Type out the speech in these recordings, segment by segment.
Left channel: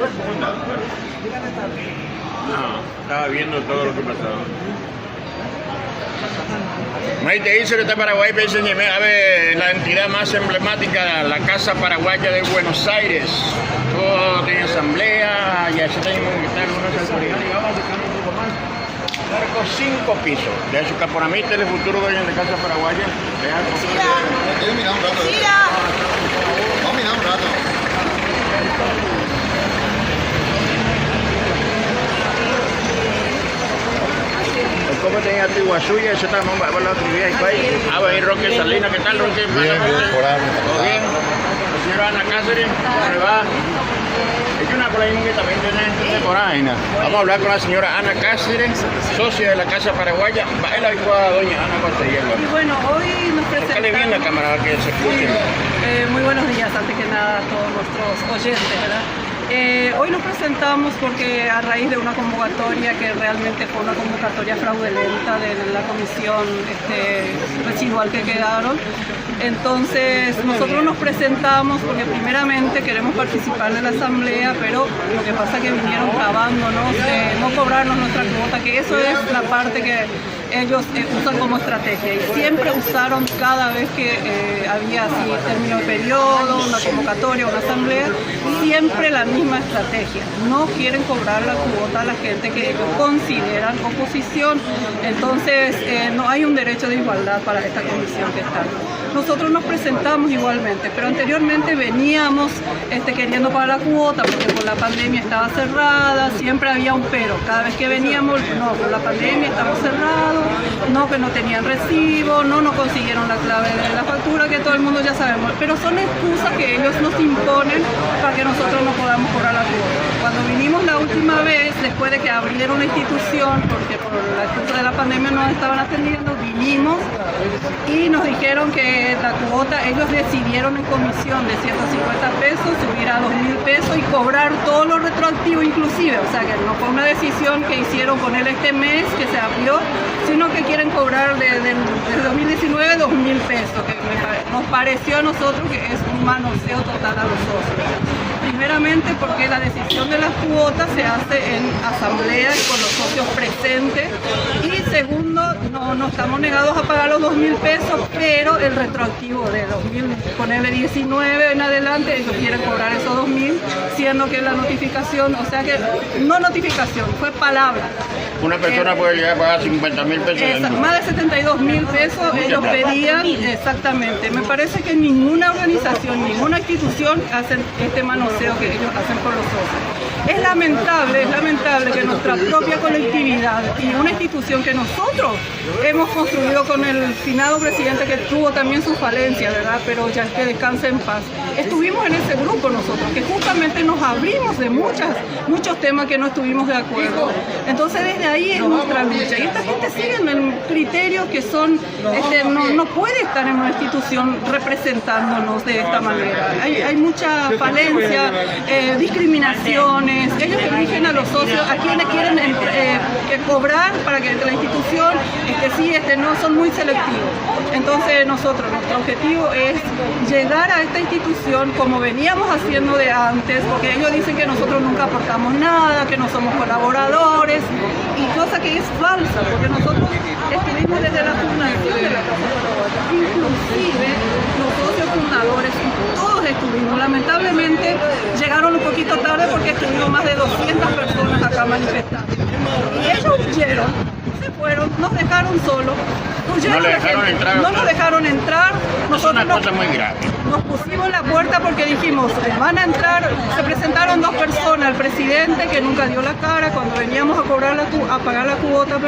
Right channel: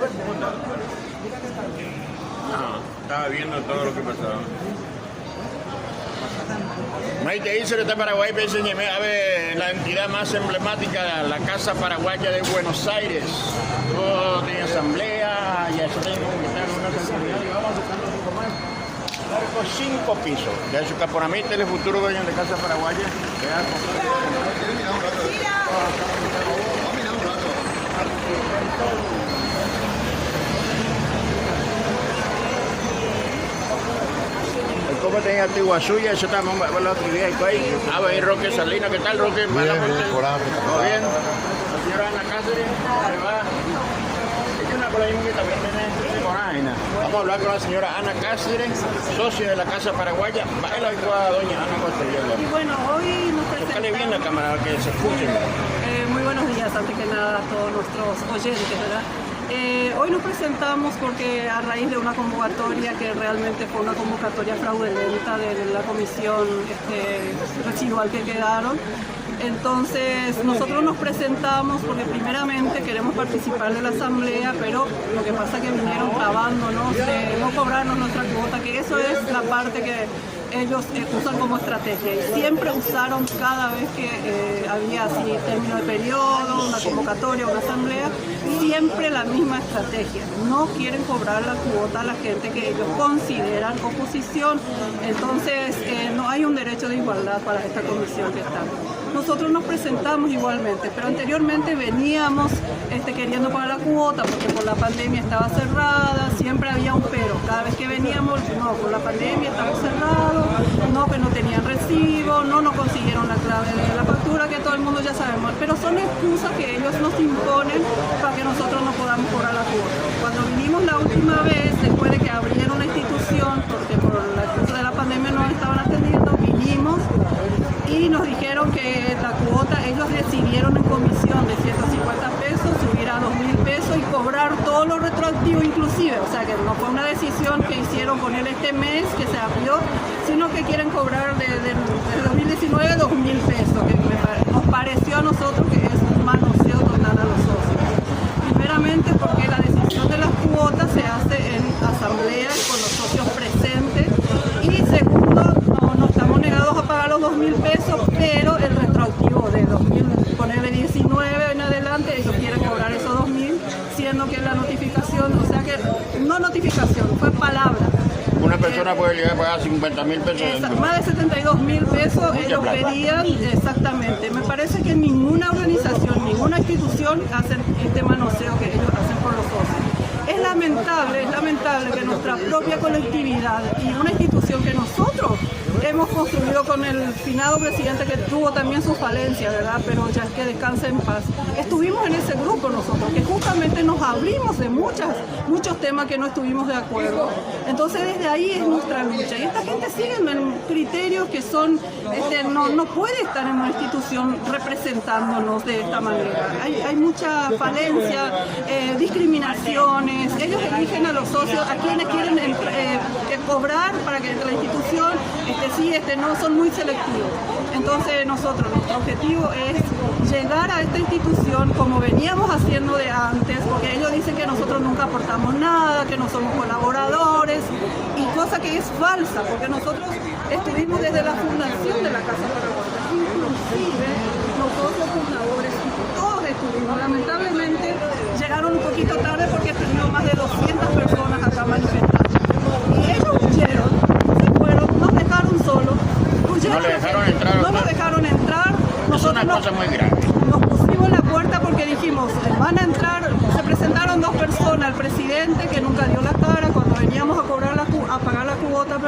No, estaba viendo todo lo que pasaba. Maite dice que está Paraguay, pero dice que a ver, la entidad más emblemática, la Casa Paraguaya de Buenos Aires. Todo tiene asamblea, y así tenemos unas autoridades, y vamos a buscar un poco más. Marco 5 pisos. De eso que por mí, el futuro dueño de Casa Paraguaya. Mira un rato. Vamos a mirar un rato. ¿Cómo tenía el Iguazú y eso estamos hablando de ahí? Ah, bueno, Roque Salinas, ¿qué tal, Roque? Bien, por ahí. ¿Todo bien? Señora Ana Cáceres, ¿cómo le va? Es una polémica que también tiene por ahí. Vamos a hablar con la señora Ana Cáceres, socia de la Casa Paraguaya. Baila hoy con doña Ana Cáceres. Bueno, hoy nos presentamos... ¿Qué le viene a cámara que se escuche? Muy buenos días, antes que nada, a todos nuestros oyentes, ¿verdad? Hoy nos presentamos porque a raíz de una convocatoria que realmente fue una convocatoria fraudulenta de la comisión residual que quedaron. Entonces nosotros nos presentamos porque primeramente queremos participar de la asamblea, pero lo que pasa es que vinieron trabándonos de no cobrarnos nuestra cuota, que eso es la parte que ellos usan como estrategia, y siempre usaron cada vez que había así término de periodo, una convocatoria, una asamblea, siempre la misma estrategia. No quieren cobrar la cuota a la gente que ellos consideran oposición. Entonces no hay un derecho de igualdad para esta comisión que está. Nosotros nos presentamos igualmente, pero anteriormente veníamos queriendo pagar la cuota porque con la pandemia estaba cerrada, siempre había un pero. Cada vez que veníamos, no, con la pandemia estaba cerrado, no, que no tenían recibo, no nos consiguieron la clave de la factura, que todo el mundo ya sabemos, pero son excusas que ellos nos imponen para que nosotros no podamos cobrar la cuota. Cuando vinimos la última vez, después de que abrieron la institución, porque por la excusa de la pandemia no estaban atendiendo, vinimos y nos dijeron que la cuota ellos decidieron en comisión de 150 pesos, subir a 2.000 pesos y cobrar todo lo retroactivo inclusive. O sea que no fue una decisión que hicieron con él este mes que se abrió, sino que quieren cobrar desde 2019 2.000 pesos, que nos pareció a nosotros que es un manoseo total a los socios. Primeramente porque la decisión de las cuotas se hace en asamblea con los socios presentes, y segundo, no estamos negados a pagar los 2.000 pesos, pero el retroactivo de 2.000, ponerle 19 en adelante, ellos quieren cobrar esos 2.000, siendo que la notificación, o sea que no notificación, fue palabra. Una persona puede llegar a pagar 50.000 pesos. Más de 72.000 pesos ellos pedían, exactamente. Me parece que ninguna organización, ninguna institución hacen este manoseo que ellos hacen por los socios. Es lamentable que nuestra propia colectividad y una institución que nosotros hemos construido con el finado presidente, que tuvo también sus falencias, ¿verdad? Pero ya que descanse en paz. Estuvimos en ese grupo nosotros, que justamente nos abrimos de muchos temas que no estuvimos de acuerdo. Entonces desde ahí es nuestra lucha. Y esta gente sigue en criterios que son, no puede estar en una institución representándonos de esta manera. Hay mucha falencia, discriminaciones. Ellos eligen a los socios, a quienes quieren cobrar para que la institución, no, son muy selectivos. Entonces nuestro objetivo es llegar a esta institución como veníamos haciendo de antes, porque ellos dicen que nosotros nunca aportamos nada, que no somos colaboradores, y cosa que es falsa, porque nosotros estuvimos desde la fundación de la Casa Paraguaya, inclusive los socios fundadores, todos estuvimos. Lamentablemente llegaron un poquito tarde porque estuvimos más de 200 personas acá manifestando. Y ellos huyeron, se fueron, nos dejaron solos, no nos dejaron entrar. Es una cosa muy grave. Nos pusimos en la puerta porque dijimos, van a entrar, se presentaron dos personas, el presidente que nunca dio la cara, cuando veníamos a pagar la cuota,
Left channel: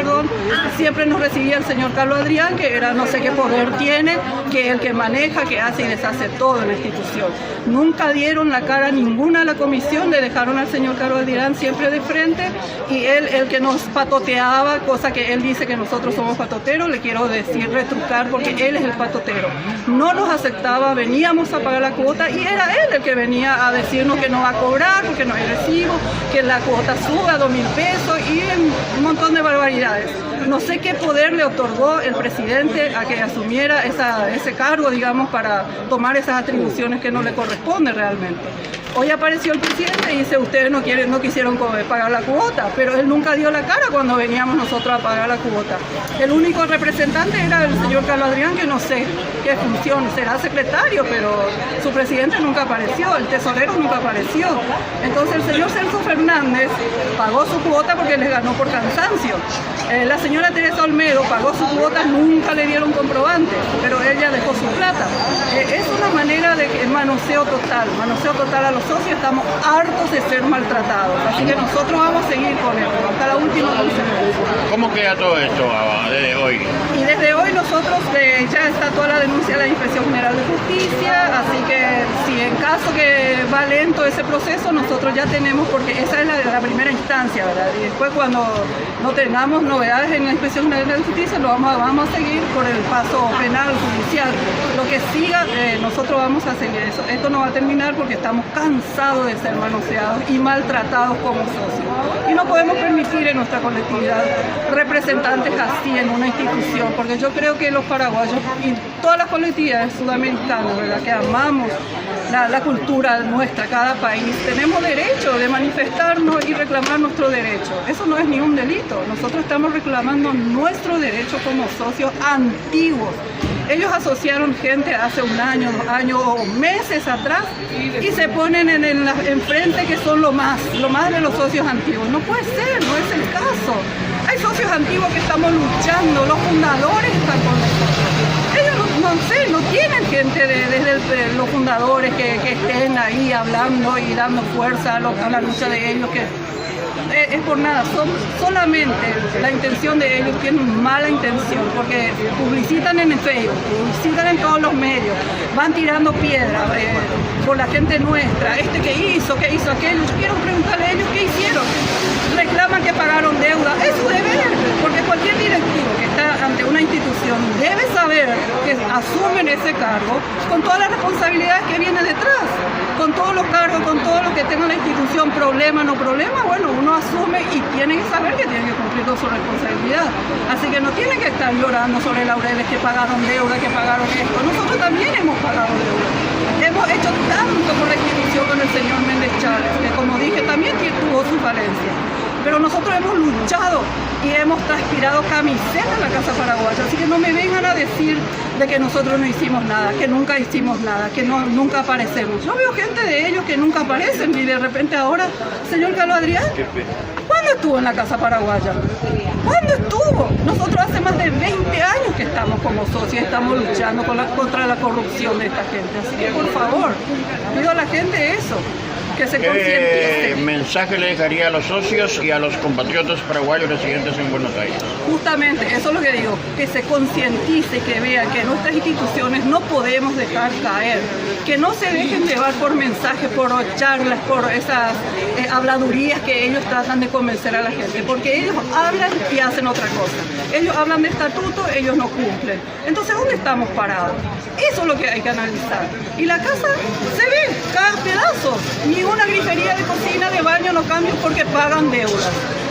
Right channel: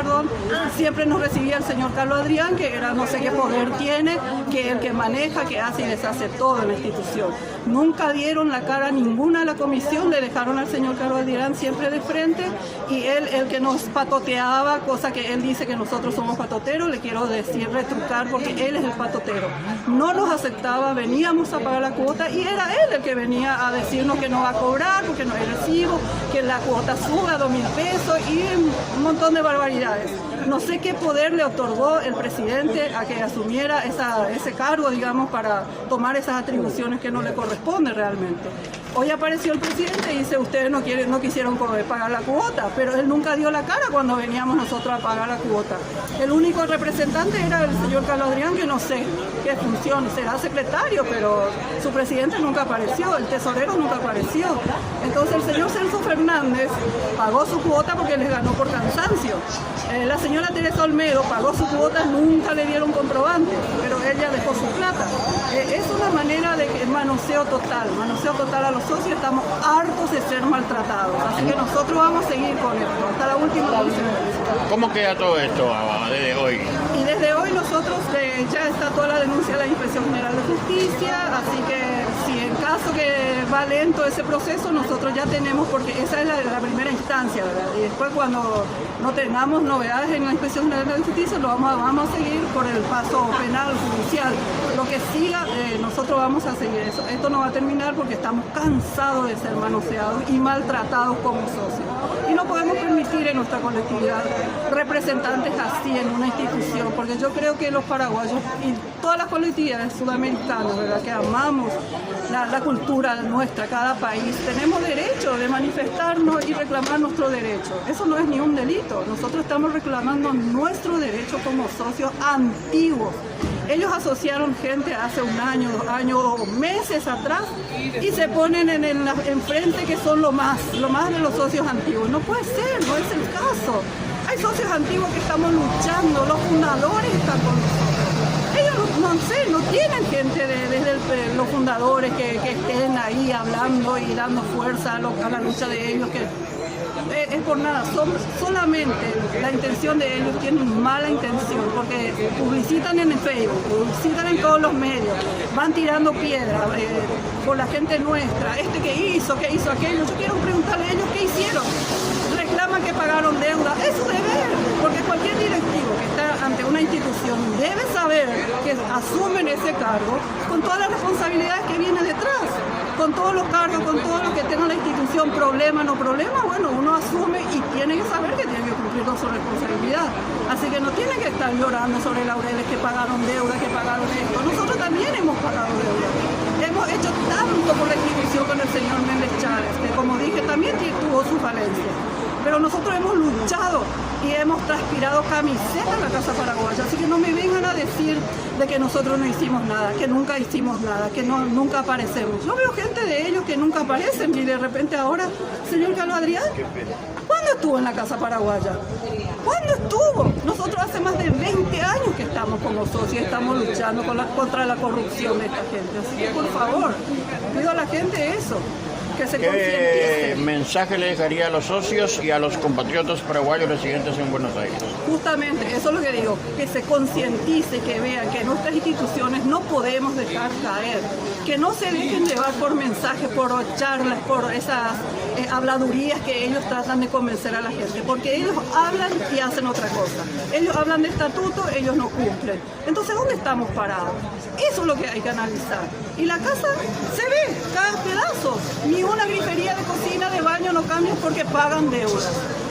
siempre nos recibía el señor Carlos Adrián, que era no sé qué poder tiene, que es el que maneja, que hace y deshace todo en la institución. Nunca dieron la cara ninguna a la comisión, le dejaron al señor Carlos Adrián siempre de frente, y él el que nos patoteaba, cosa que él dice que nosotros somos patoteros, le quiero decir, retrucar, porque él es el patotero. No nos aceptaba, veníamos a pagar la cuota y era él el que venía a decirnos que no va a cobrar porque no hay recibo, que la cuota suba a 2.000 pesos y un montón de barbaridades. No sé qué poder le otorgó el presidente a que asumiera ese cargo, digamos, para tomar esas atribuciones que no le corresponden realmente. Hoy apareció el presidente y dice, ustedes no quisieron pagar la cuota, pero él nunca dio la cara cuando veníamos nosotros a pagar la cuota. El único representante era el señor Carlos Adrián, que no sé qué función, será secretario, pero su presidente nunca apareció, el tesorero nunca apareció. Entonces el señor Celso Fernández pagó su cuota porque les ganó por cansancio. La señora Teresa Olmedo pagó su cuota, nunca le dieron comprobante, pero ella dejó su plata. Es una manera de manoseo total a los socios. Estamos hartos de ser maltratados, así que nosotros vamos a seguir con esto hasta la última consecuencia. ¿Cómo queda todo esto desde hoy? Y desde hoy nosotros ya está toda la denuncia de la Inspección General de Justicia, así que si en caso que va lento ese proceso, nosotros ya tenemos, porque esa es la primera instancia, ¿verdad? Y después cuando no tengamos novedades en la Inspección General de Justicia, lo vamos a seguir por el paso penal, judicial. Lo que siga, nosotros vamos a seguir eso. Esto no va a terminar porque estamos cansados de ser manoseados y maltratados como socios. Y no podemos permitir en nuestra colectividad representantes así en una institución, porque yo creo que los paraguayos y todas las colectividades sudamericanas, ¿verdad?, que amamos la cultura nuestra, cada país, tenemos derecho de manifestarnos y reclamar nuestro derecho. Eso no es ni un delito. Nosotros estamos reclamando nuestro derecho como socios antiguos. Ellos asociaron gente hace un año, 2 años o meses atrás y se ponen enfrente que son lo más de los socios antiguos. No puede ser, no es el caso. Hay socios antiguos que estamos luchando, los fundadores están con nosotros. Ellos no tienen gente desde los fundadores que estén ahí hablando y dando fuerza a la lucha de ellos, que es por nada, solamente la intención de ellos tienen mala intención, porque publicitan en el Facebook, publicitan en todos los medios, van tirando piedras por la gente nuestra, que hizo aquello. Yo quiero preguntarle a ellos qué hicieron. Reclaman que pagaron deuda, es su deber, porque cualquier directivo que está ante una institución debe saber que asumen ese cargo con todas las responsabilidades que vienen detrás, con todos los cargos, con todo lo que tenga la institución, problema, no problema, bueno, uno asume y tiene que saber que tiene que cumplir con su responsabilidad. Así que no tiene que estar llorando sobre laureles que pagaron deuda, que pagaron esto. Nosotros también hemos pagado deuda. Hemos hecho tanto por la institución con el señor Méndez Chávez, que como dije, también tuvo sus falencias. Pero nosotros hemos luchado y hemos transpirado camiseta en la Casa Paraguaya, así que no me vengan a decir de que nosotros no hicimos nada, que nunca hicimos nada, que nunca aparecemos. Yo veo gente de ellos que nunca aparecen y de repente ahora, señor Carlos Adrián, ¿cuándo estuvo en la Casa Paraguaya? ¿Cuándo estuvo? Nosotros hace más de 20 años que estamos como socios, estamos luchando contra la corrupción de esta gente, así que por favor, pido a la gente eso, que se concientice. ¿Qué mensaje le dejaría a los socios y a los compatriotas paraguayos residentes en Buenos Aires? Justamente, eso es lo que digo, que se concientice, que vean que nuestras instituciones no podemos dejar caer, que no se dejen llevar por mensajes, por charlas, por esas habladurías que ellos tratan de convencer a la gente, porque ellos hablan y hacen otra cosa. Ellos hablan de estatuto, ellos no cumplen. Entonces, ¿dónde estamos parados? Eso es lo que hay que analizar. Y la casa se ve, cada pedazo. Ni una grifería de cocina, de baño no cambian porque pagan deudas.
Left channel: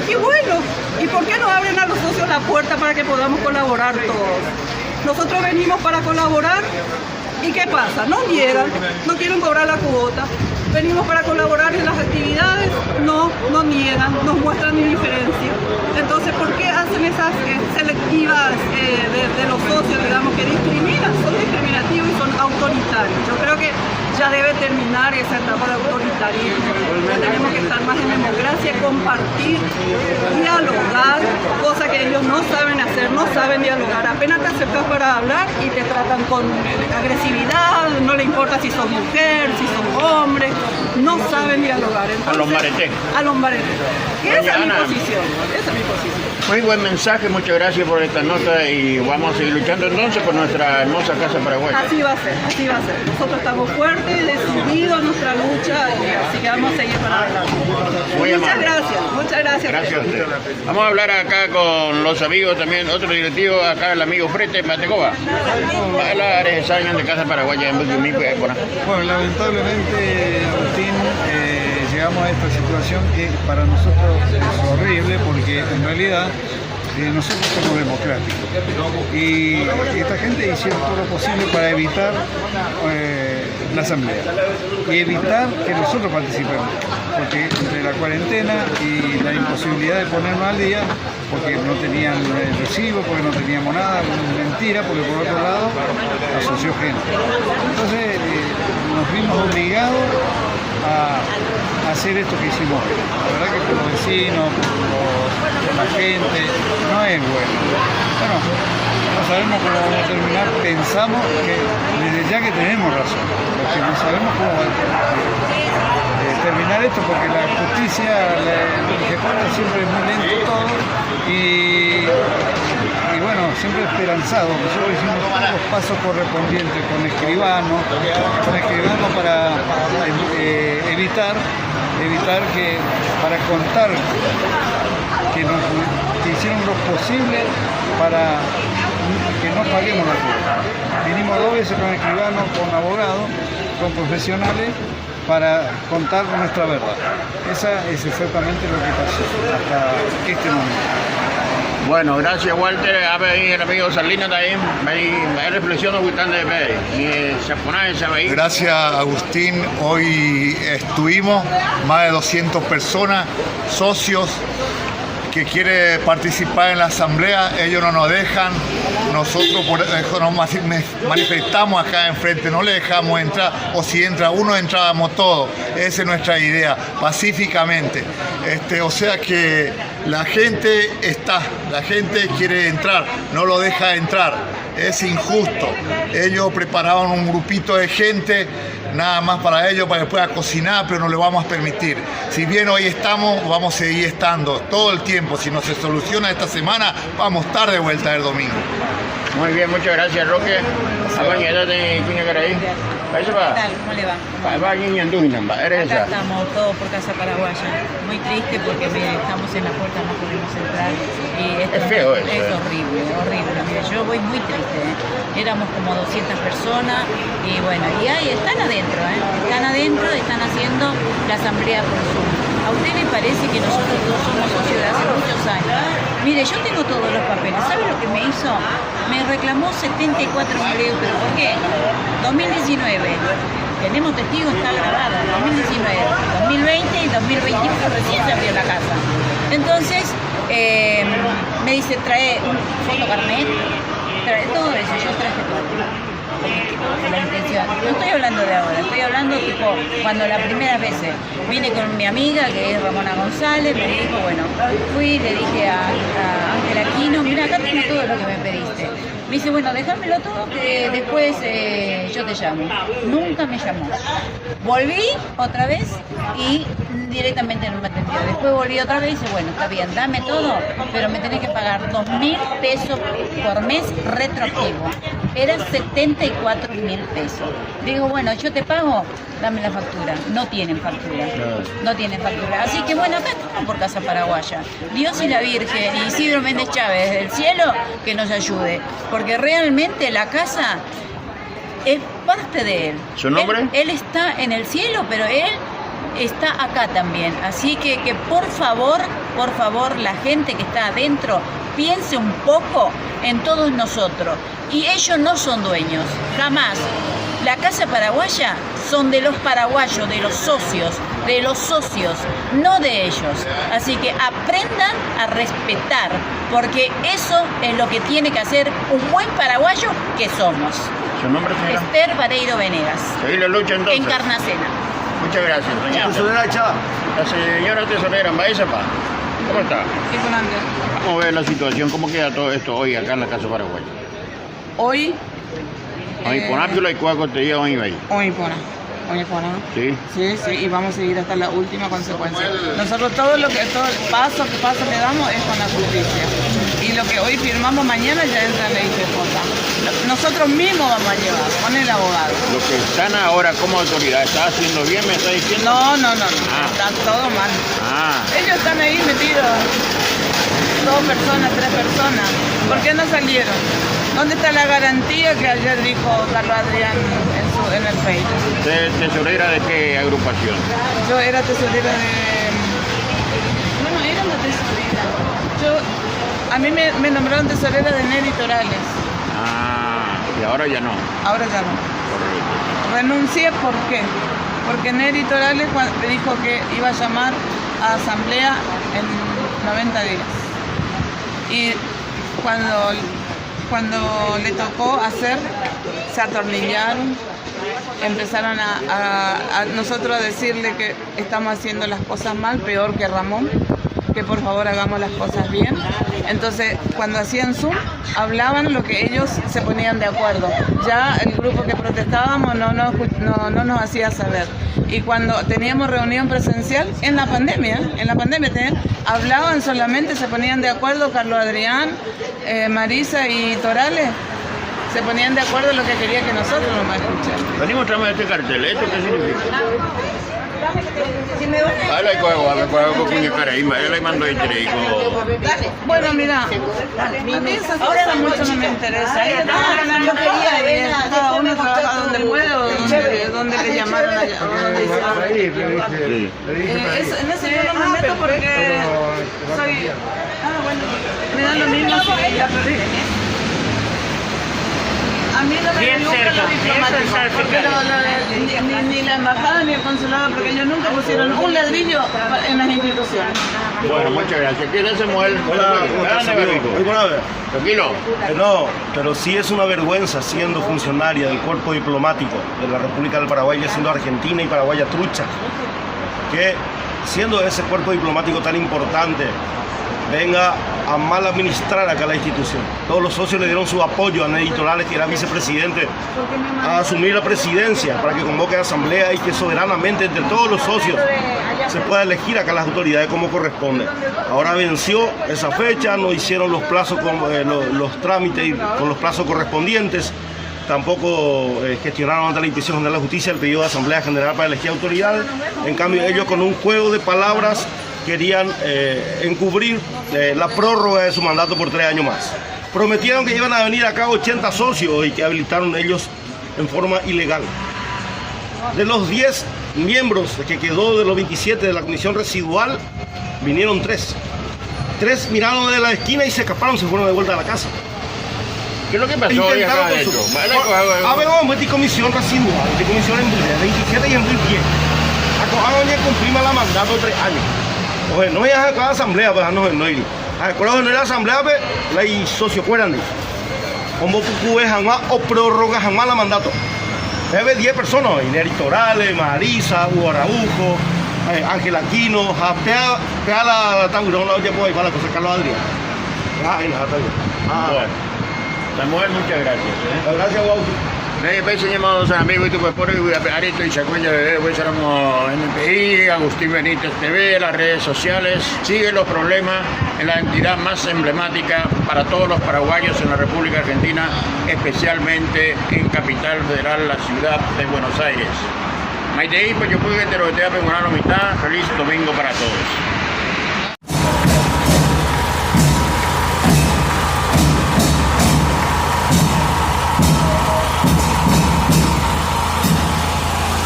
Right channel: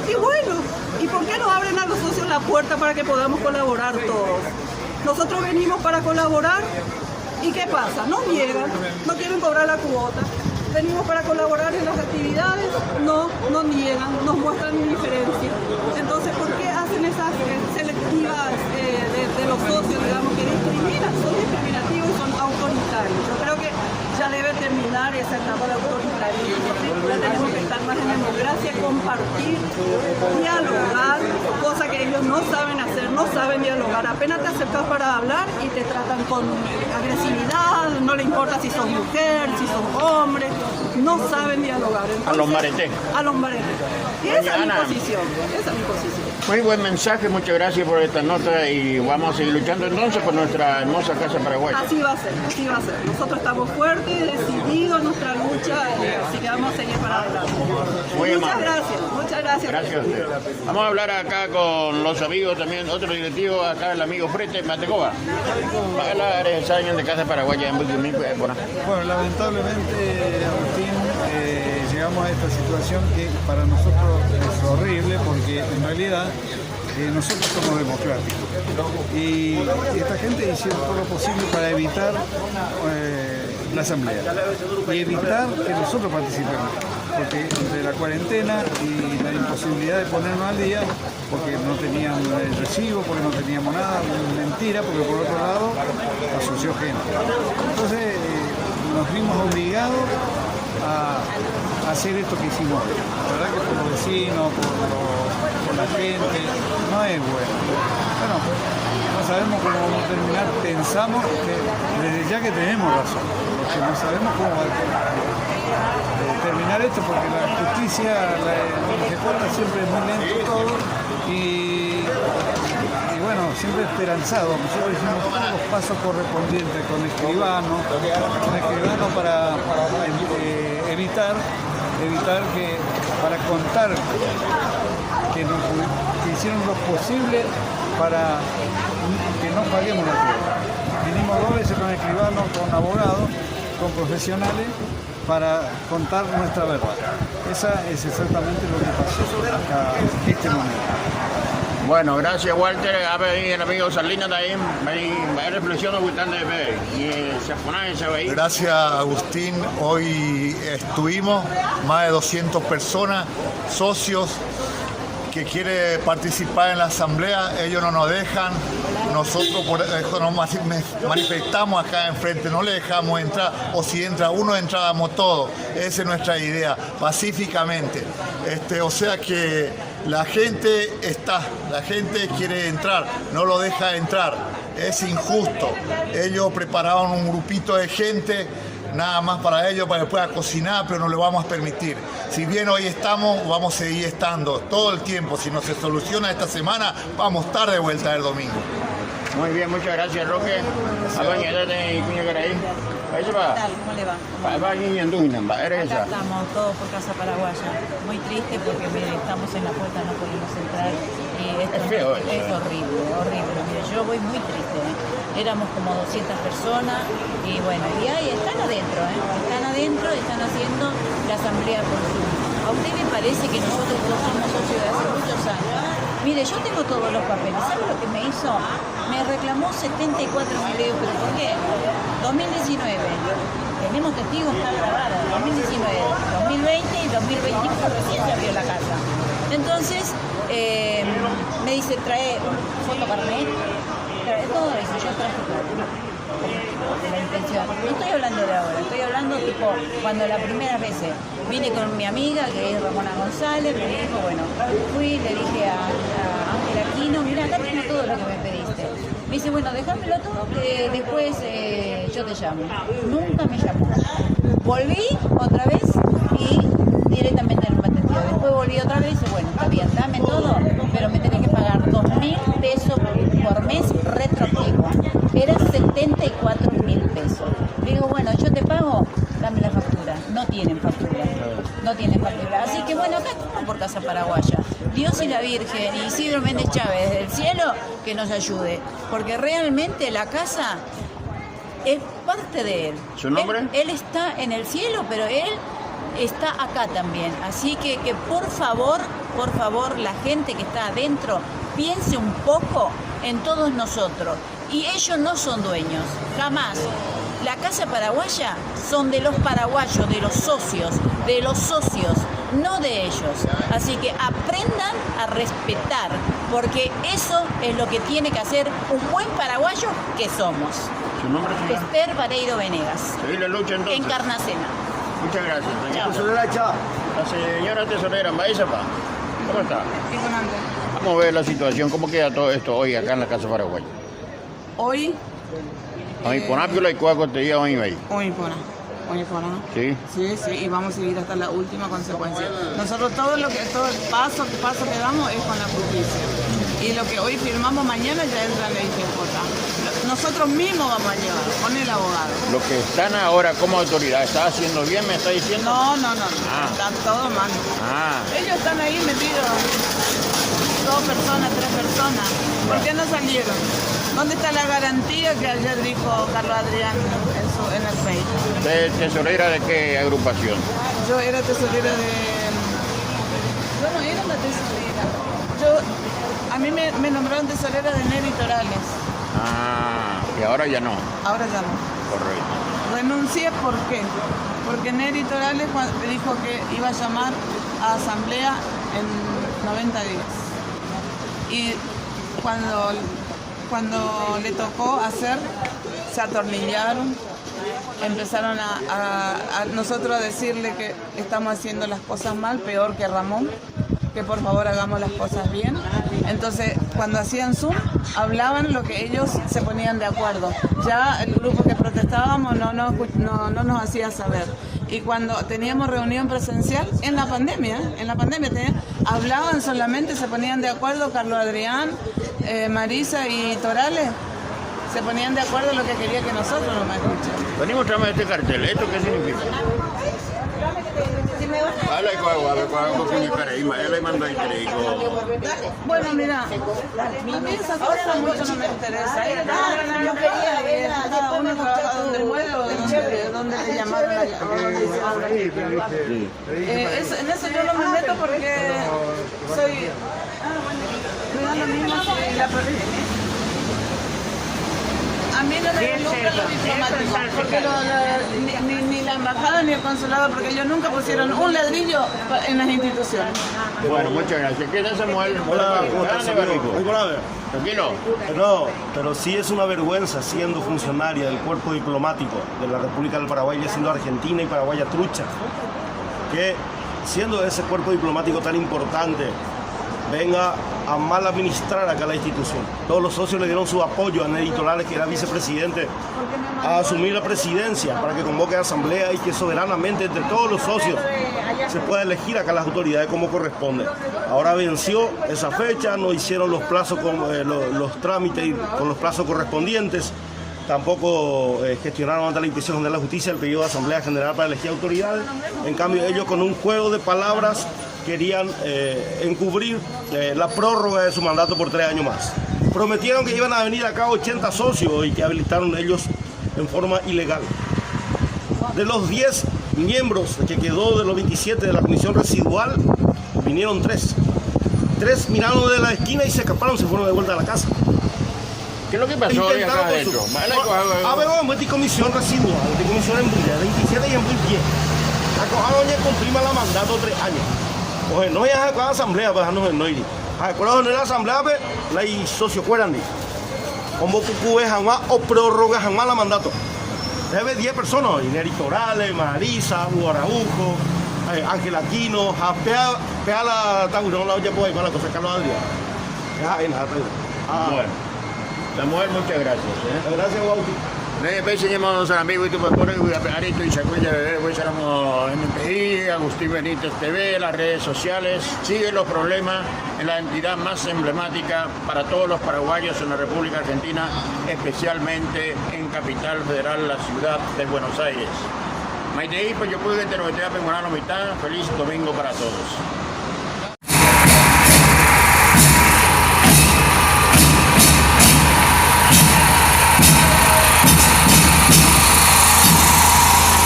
Y bueno, ¿y por qué no abren a los socios la puerta para que podamos colaborar todos? Nosotros venimos para colaborar y ¿qué pasa? Nos niegan, no quieren cobrar la cuota. Venimos para colaborar en las actividades, nos niegan, nos muestran indiferencia. Entonces, ¿por qué hacen esas selectivas de los socios, digamos, que discriminan? Son discriminativos y son autoritarios. Yo creo que ya debe terminar esa etapa de autoritarismo. Tenemos que estar más en democracia, compartir, dialogar, cosa que ellos no saben hacer, no saben dialogar. Apenas te acercas para hablar y te tratan con agresividad, no le importa si sos mujer, si sos hombre, no saben dialogar. Entonces, a los maretés. A los maretés. Y esa es mi posición, esa es mi posición. Muy buen mensaje, muchas gracias por esta nota y vamos a seguir luchando entonces con nuestra hermosa Casa Paraguaya. Así va a ser, así va a ser. Nosotros estamos fuertes, decididos en nuestra lucha y así que vamos a seguir para adelante. Muchas gracias. Gracias a usted. Vamos a hablar acá con los amigos también, otro directivo, acá el amigo Frete Matecoba. Hablar alguien de Casa Paraguaya en mi época. Bueno, lamentablemente, Agustín, llegamos a esta situación que para nosotros es horrible porque en realidad nosotros somos democráticos y esta gente hicieron todo lo posible para evitar la asamblea y evitar que nosotros participemos, porque entre la cuarentena y la imposibilidad de ponernos al día, porque no tenían recibo, porque no teníamos nada, mentira, porque por otro lado asoció gente. Entonces nos vimos obligados a hacer esto que hicimos. La verdad que por los vecinos, por la gente, no es bueno. Bueno, no sabemos cómo vamos a terminar, pensamos que desde ya que tenemos razón, porque no sabemos cómo va a terminar esto, porque la justicia, el ejecutor siempre es muy lento todo y bueno, siempre esperanzado. Nosotros hicimos todos los pasos correspondientes con escribano para evitar que, para contar que hicieron lo posible para que no paguemos la fiesta. Vinimos 2 veces con escribanos, con abogados, con profesionales, para contar nuestra verdad. Esa es exactamente lo que pasó hasta este momento. Bueno, gracias Walter. A ver, el amigo Salina también, me reflexiona bastante de ver. Y se pone ese país. Gracias Agustín, hoy estuvimos más de 200 personas, socios que quieren participar en la asamblea, ellos no nos dejan, nosotros por eso nos manifestamos acá enfrente, no le dejamos entrar, o si entra uno, entrábamos todos, esa es nuestra idea, pacíficamente. O sea que la gente quiere entrar, no lo deja entrar, es injusto. Ellos prepararon un grupito de gente, nada más para ellos, para que pueda cocinar, pero no le vamos a permitir. Si bien hoy estamos, vamos a seguir estando todo el tiempo. Si no se soluciona esta semana, vamos a estar de vuelta el domingo. Muy bien, muchas gracias, Roque. ¿Qué tal? ¿Cómo le va? Acá Acá estamos todos por Casa Paraguaya. Muy triste porque mire, estamos en la puerta, no pudimos entrar. Y Es feo eso, Es horrible, horrible. Mire, yo voy muy triste. Éramos como 200 personas y bueno, y ahí están adentro, están haciendo la asamblea por Zoom. ¿A usted le parece que nosotros todos somos socios de hace muchos años? Mire, yo tengo todos los papeles. ¿Sabe lo que me hizo? Me reclamó 74.000 euros. ¿Por qué? 2019. Tenemos testigos, está grabado. 2019, 2020 y 2021 recién se abrió la casa. Entonces, me dice, trae un fotocarnet, trae todo eso. Yo traje todo. La intención. No estoy hablando de ahora, estoy hablando tipo cuando la primera vez vine con mi amiga que es Ramona González, me dijo, bueno, fui, le dije a Ángel Aquino, mira, acá tienes todo lo que me pediste. Me dice, bueno, déjamelo todo, que después yo te llamo. Nunca me llamó. Volví otra vez y directamente no me atendió. Después volví otra vez y dice, bueno, está bien, dame todo, pero me tenés que pagar 2.000 pesos por mes retroactivo. Eran 74.000 pesos. Digo, bueno, yo te pago, dame la factura. No tienen factura. No tienen factura. Así que bueno, acá estamos por Casa Paraguaya. Dios y la Virgen y Isidro Méndez Chávez del cielo que nos ayude. Porque realmente la casa es parte de él. ¿Su nombre? Él está en el cielo, pero él está acá también. Así que por favor, la gente que está adentro piense un poco en todos nosotros. Y ellos no son dueños, jamás. La Casa Paraguaya son de los paraguayos, de los socios, no de ellos. Así que aprendan a respetar, porque eso es lo que tiene que hacer un buen paraguayo que somos. ¿Su nombre, señora? Esther Vareiro Venegas. Seguí la lucha entonces. Encarnacena. Muchas gracias, señora. La señora tesorera, Maesepa, ¿cómo está? Sí, con Andrés. Vamos a ver la situación, cómo queda todo esto hoy acá en la Casa Paraguaya. Hoy, Hoy ponárselo y cuál contenido hoy ahí. hoy pona, ¿no? Sí. Sí, y vamos a seguir hasta la última consecuencia. Nosotros todo el paso que damos es con la justicia. Y lo que hoy firmamos mañana ya entra en la IGJ. Nosotros mismos vamos a llevar con el abogado. Los que están ahora como autoridad, ¿está haciendo bien, me está diciendo? No. Están todos mal. Ellos están ahí metidos. 2 personas, 3 personas. ¿Por qué no salieron? ¿Dónde está la garantía que ayer dijo Carlos Adrián en el Facebook? ¿Usted tesorera de qué agrupación? Yo era tesorera de... Bueno, era la tesorera. A mí me nombraron tesorera de Neri Torales. Y ahora ya no. Ahora ya no. Correcto. Renuncié, ¿por qué? Porque Neri Torales dijo que iba a llamar a asamblea en 90 días. Y cuando le tocó hacer, se atornillaron, empezaron a nosotros a decirle que estamos haciendo las cosas mal, peor que Ramón, que por favor hagamos las cosas bien. Entonces, cuando hacían Zoom, hablaban lo que ellos se ponían de acuerdo. Ya el grupo que protestábamos no nos hacía saber. Y cuando teníamos reunión presencial, en la pandemia hablaban solamente, se ponían de acuerdo Carlos Adrián, Marisa y Torales, se ponían de acuerdo en lo que quería que nosotros nos escucháramos. Venimos a este cartel. ¿Esto qué significa? Ahora Bueno, mira, a mí esas cosas mucho no me interesa. Yo quería venir cada uno trabaja donde puede o donde le llamaron allá. En eso yo no me meto porque soy... me da lo mismo si ya perdí. A mí no me gusta lo diplomático, porque ni la embajada ni el consulado, porque ellos nunca pusieron un ladrillo en las instituciones. Bueno, muchas gracias. ¿Quién es Samuel? Tranquilo. No, pero sí es una vergüenza siendo funcionaria del cuerpo diplomático de la República del Paraguay, siendo argentina y paraguaya trucha, que siendo ese cuerpo diplomático tan importante, venga a mal administrar acá la institución. Todos los socios le dieron su apoyo a Neri Torales, que era vicepresidente, a asumir la presidencia para que convoque a asamblea y que soberanamente entre todos los socios se pueda elegir acá las autoridades como corresponde. Ahora venció esa fecha, no hicieron los plazos, los trámites con los plazos correspondientes, tampoco gestionaron ante la Inspección General de la Justicia el pedido de Asamblea General para elegir autoridades. En cambio, ellos con un juego de palabras querían encubrir la prórroga de su mandato por 3 años más. Prometieron que iban a venir acá 80 socios y que habilitaron ellos en forma ilegal. De los 10 miembros que quedó de los 27 de la comisión residual, vinieron 3. 3 miraron de la esquina y se escaparon, se fueron de vuelta a la casa. ¿Qué es lo que pasó hoy acá de eso? Habemos de comisión residual, de comisión en 27 y en 10. Acojaban y cumplimos la mandato 3 años. Oye, no hay acá asamblea, pues no ir. Acuerdo de la asamblea, pues, la y socio fueran. Como cucubes jamás o prórrogas jamás la mandato. Debe 10 personas, Neri Torales, Marisa, Hugo Araujo, Ángel Aquino, Pea la Tangurón, la olla, pues, igual la cosa Carlos Adrián. Bueno, Samuel, muchas gracias. Gracias, Juan. Enseñamos a amigos y tu por Arito y Chacuella de NPI, Agustín Benítez TV, las redes sociales. Siguen los problemas en la entidad más emblemática para todos los paraguayos en la República Argentina, especialmente en Capital Federal, la ciudad de Buenos Aires. Maitei, pues yo puedo que te lo voy a preparar la mitad. Feliz domingo para todos.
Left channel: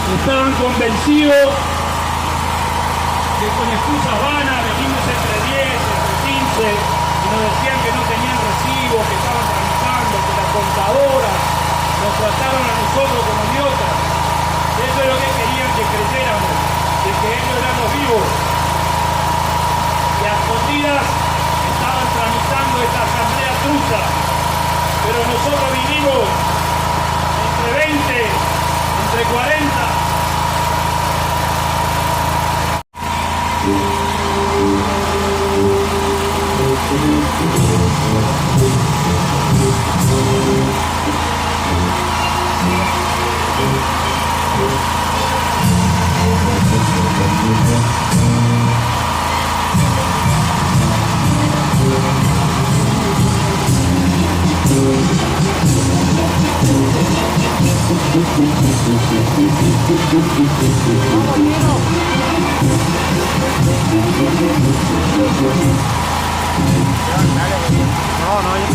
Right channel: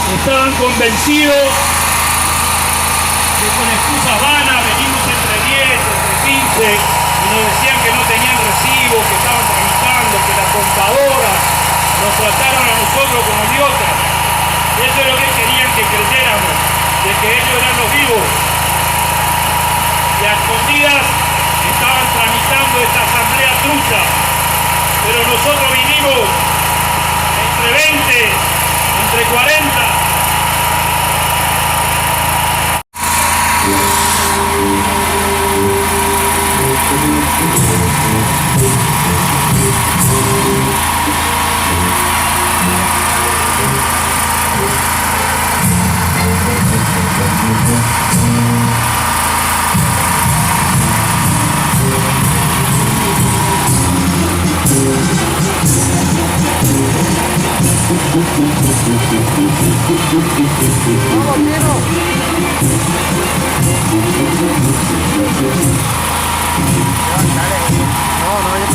Estaban convencidos que con excusas vanas venimos entre 10, entre 15 y nos decían que no tenían recibo, que estaban tramitando, que la contadora nos trataron a nosotros como idiotas. Eso es lo que querían que creyéramos, de que ellos eran los vivos. Y a escondidas estaban tramitando esta asamblea trucha, pero nosotros vinimos entre 20, entre 40. No, yo